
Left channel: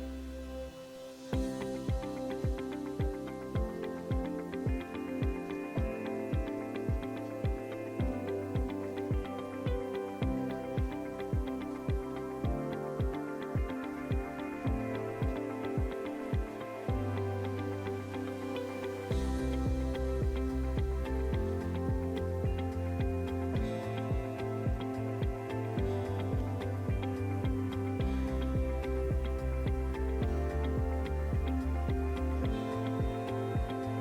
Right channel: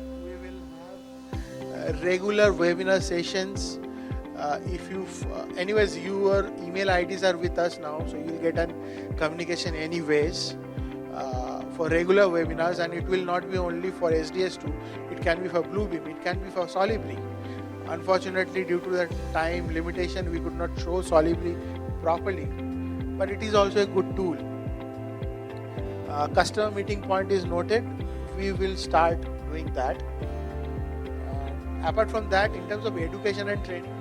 have regular webinar sessions. If you, anyways, your email IDs are with us now, so you'll get a communication anyways for regular webinars, and it will not be only for SDS2. It can be for Bluebeam. It can be for Solibri. Unfortunately, due to the time limitation, we could not show Solibri properly, but it is also a good tool. Customer meeting point is noted. We will start doing that. Apart from that, in terms of education and training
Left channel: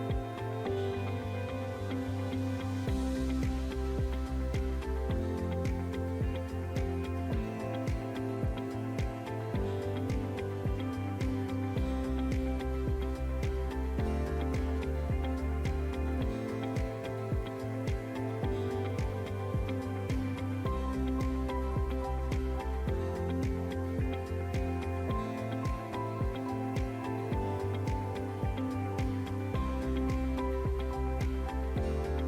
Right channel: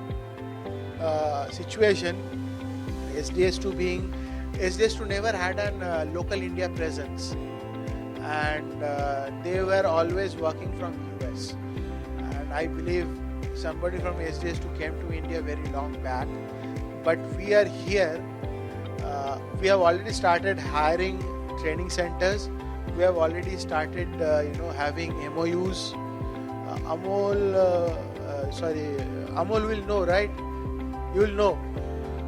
situation, SDS2 never had a local India presence, and they were always working from US. And I believe somebody from SDS2 came to India very long back, but we are here. We have already started hiring training centers. We have already started, having MOUs. Amol will know, right? You will know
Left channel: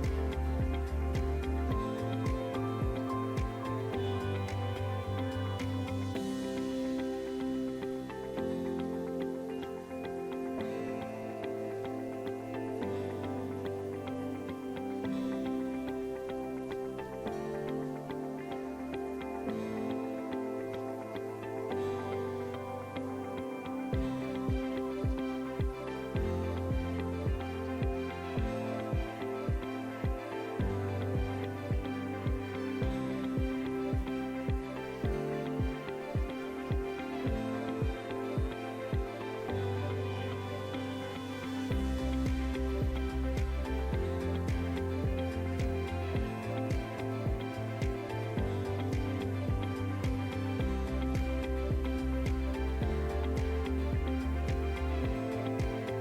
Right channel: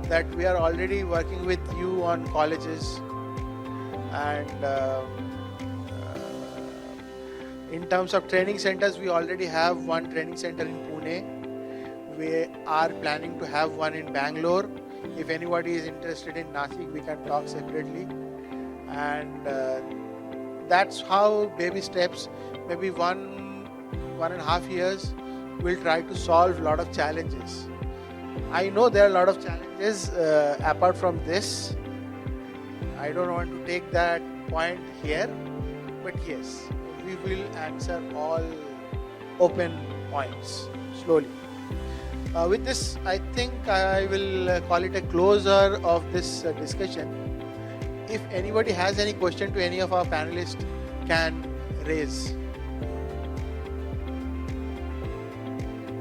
that we are already working with you on colleges, and in terms of training centers, we already have one training center in Pune. We are planning to have one in Bangalore. If anybody is interested in Nashik, we can talk separately. And that's how baby steps, maybe 1.5 years, we'll try to solve a lot of challenges. I know there are a lot of challenges apart from this. I don't want to take that point here, but yes, we will answer all open points slowly. With this, I think I will call it a closer of this discussion. If anybody has any question to any of our panelists, can raise.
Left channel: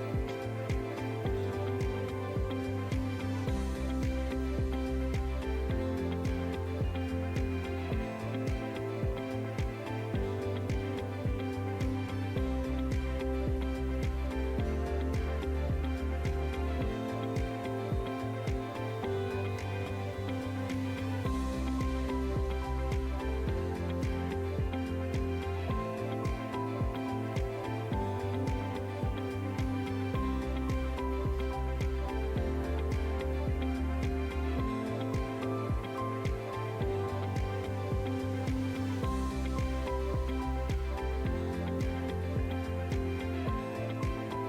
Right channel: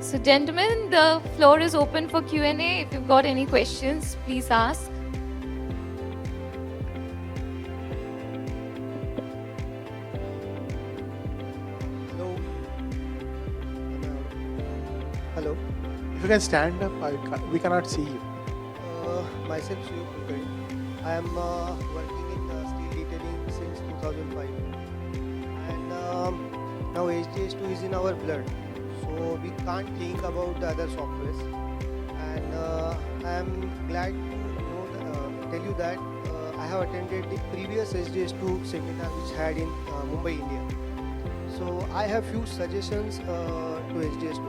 So gentlemen, the floor is open for Q&A. If you've got any questions, please ask. Hello. If you can stand up, we cannot see you. Myself, Sri. I am working in steel detailing since 2005, and now HDS2 is in our blood, so we can't think about the other softwares. And I am glad to tell you that I have attended the previous HDS2 seminar which had in Mumbai, India. So I have few suggestions to HDS2.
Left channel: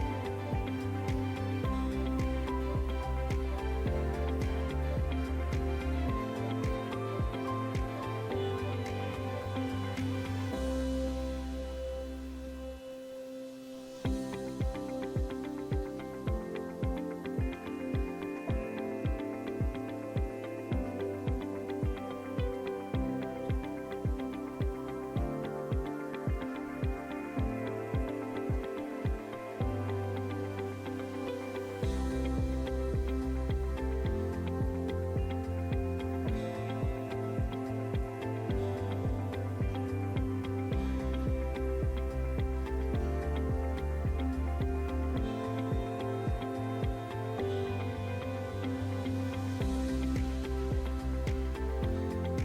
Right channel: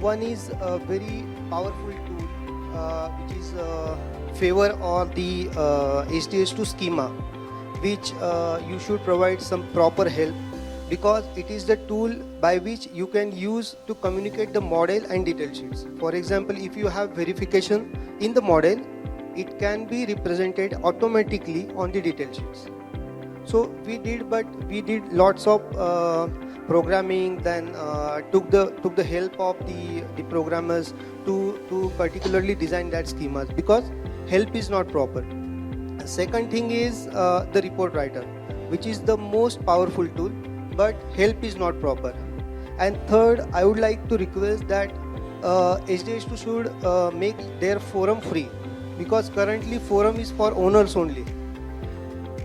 One is a very powerful tool which is favor on the HDS2 schema, which you should provide some proper help, because it is the tool by which you can use to communicate the model and detail sheets. For example, if you have verification in the model, it can be represented automatically on the detail sheets. So we did lots of programming, then took the help of the programmers to particularly design that schemas, because help is not proper. Second thing is the report writer, which is the most powerful tool, but help is not proper. And third, I would like to request that HDS2 should make their forum free, because currently forum is for owners only.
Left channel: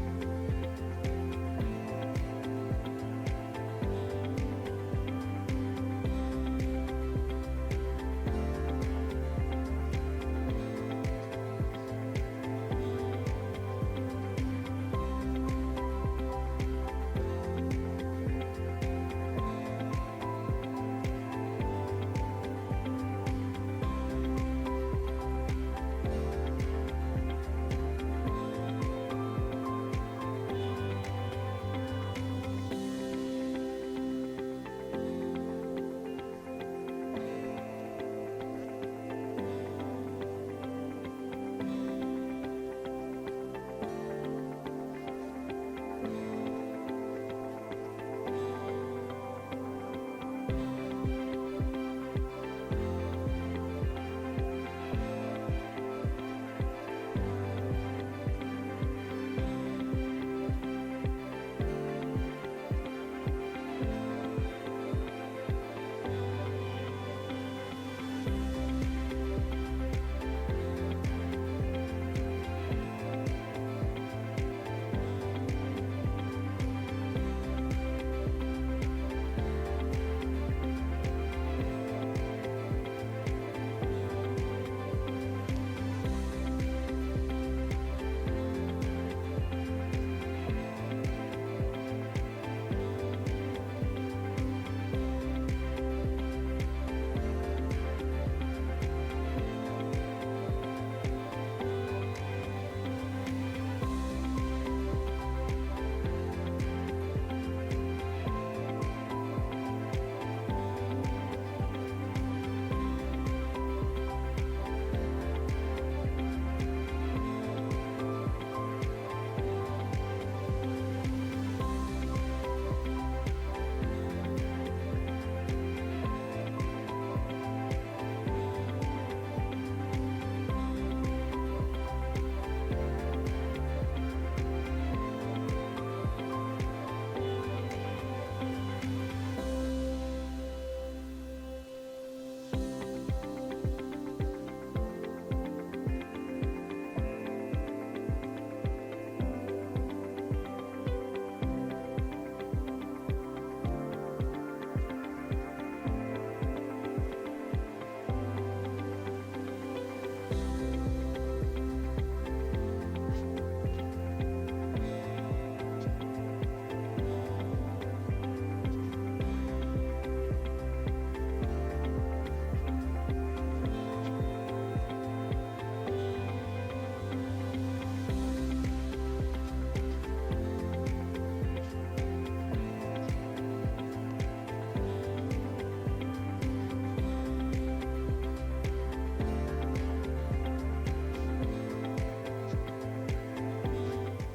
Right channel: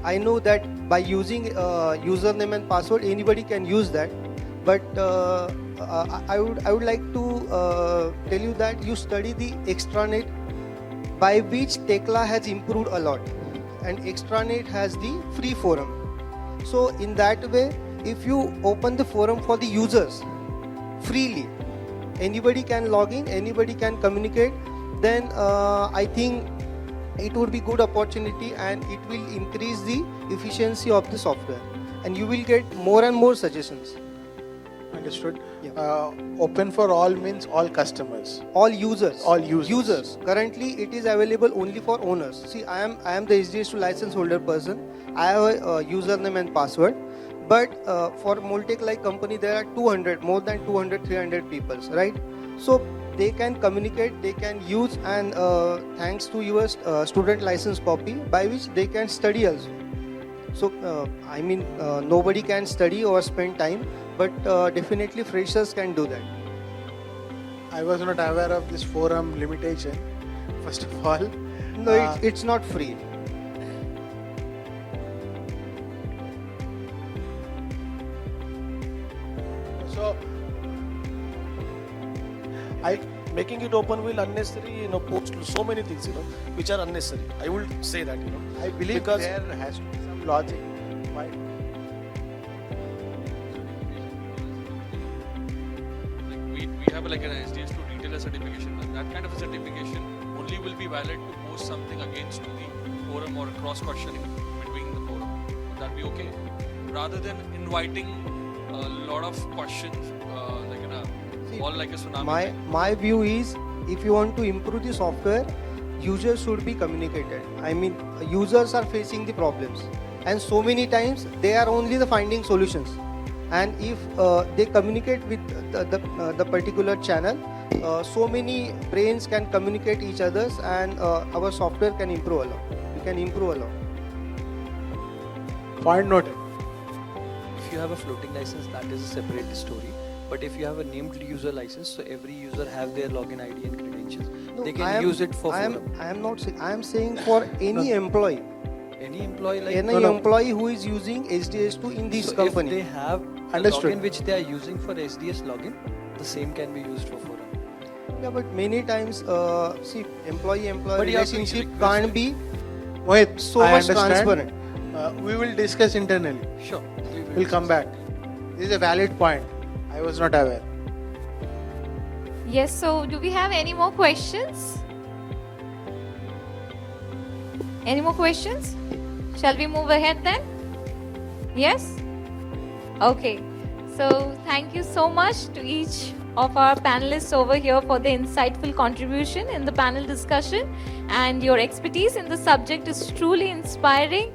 I know that by using username and password, anybody can use that, but I would like to tell you that you study the extranet, by which Tekla has improved a lot, and extranet has the free forum. So in that way, if you open the forum for the users freely, anybody can log in, anybody can communicate, then I think it would be good opportunity, and it will increase the efficiency of the software, and you will get more and more suggestions. Understood. Open for all means all customers. All users. All users. Currently, it is available only for owners. See, I am the HDS2 license holder person. I have a username and password. But for Moltech like company, there are more than 200, 300 people, right? So they can communicate, they can use, and thanks to your student license copy, by which they can study also. So nobody can study or spend time, but definitely freshers can do that. I was not aware of this forum limitation, first of all. No, it's not free. leaving it open will unnecessarily, post so many things, which are unnecessary. I will say that, I believe because there has to be some logic. Why? We have like an SDS to retailer certification. That kind of certification only will be valid to post something against the forum or cross questioning between the forum. That be okay. Rather than inviting a lot of questions, all like a tsunami. My view is, if you want to improve the software, users should be communicated. I mean, users are facing the problems, and so many times they are only the finding solutions. And if they communicate with the particular channel, so many brains can communicate each others, and our software can improve a lot. We can improve a lot. Point noted. If you have a floating license, that is a separate story. But if you have a named user license, so every user have their login ID and credentials. They can use it for. I am saying for any employee. Any employee like Any employee who is using SDS2 in this so company. If they have the Understood. login which they are using for SDS login, the same can be used for forum. Yeah, but many times, see, employee-employee But you have to relationship request can't be Mohit, so I much understand. transparent. We will discuss internally. Sure. We'll come back. This is a valid point. I was not aware. Yes, so do we have any more questions? Any more questions? Shall we move ahead then? Yes? Okay. So thank you so much to each of our panelists over here for the insightful contribution in the panel discussion, and your expertise in the subject is truly inspiring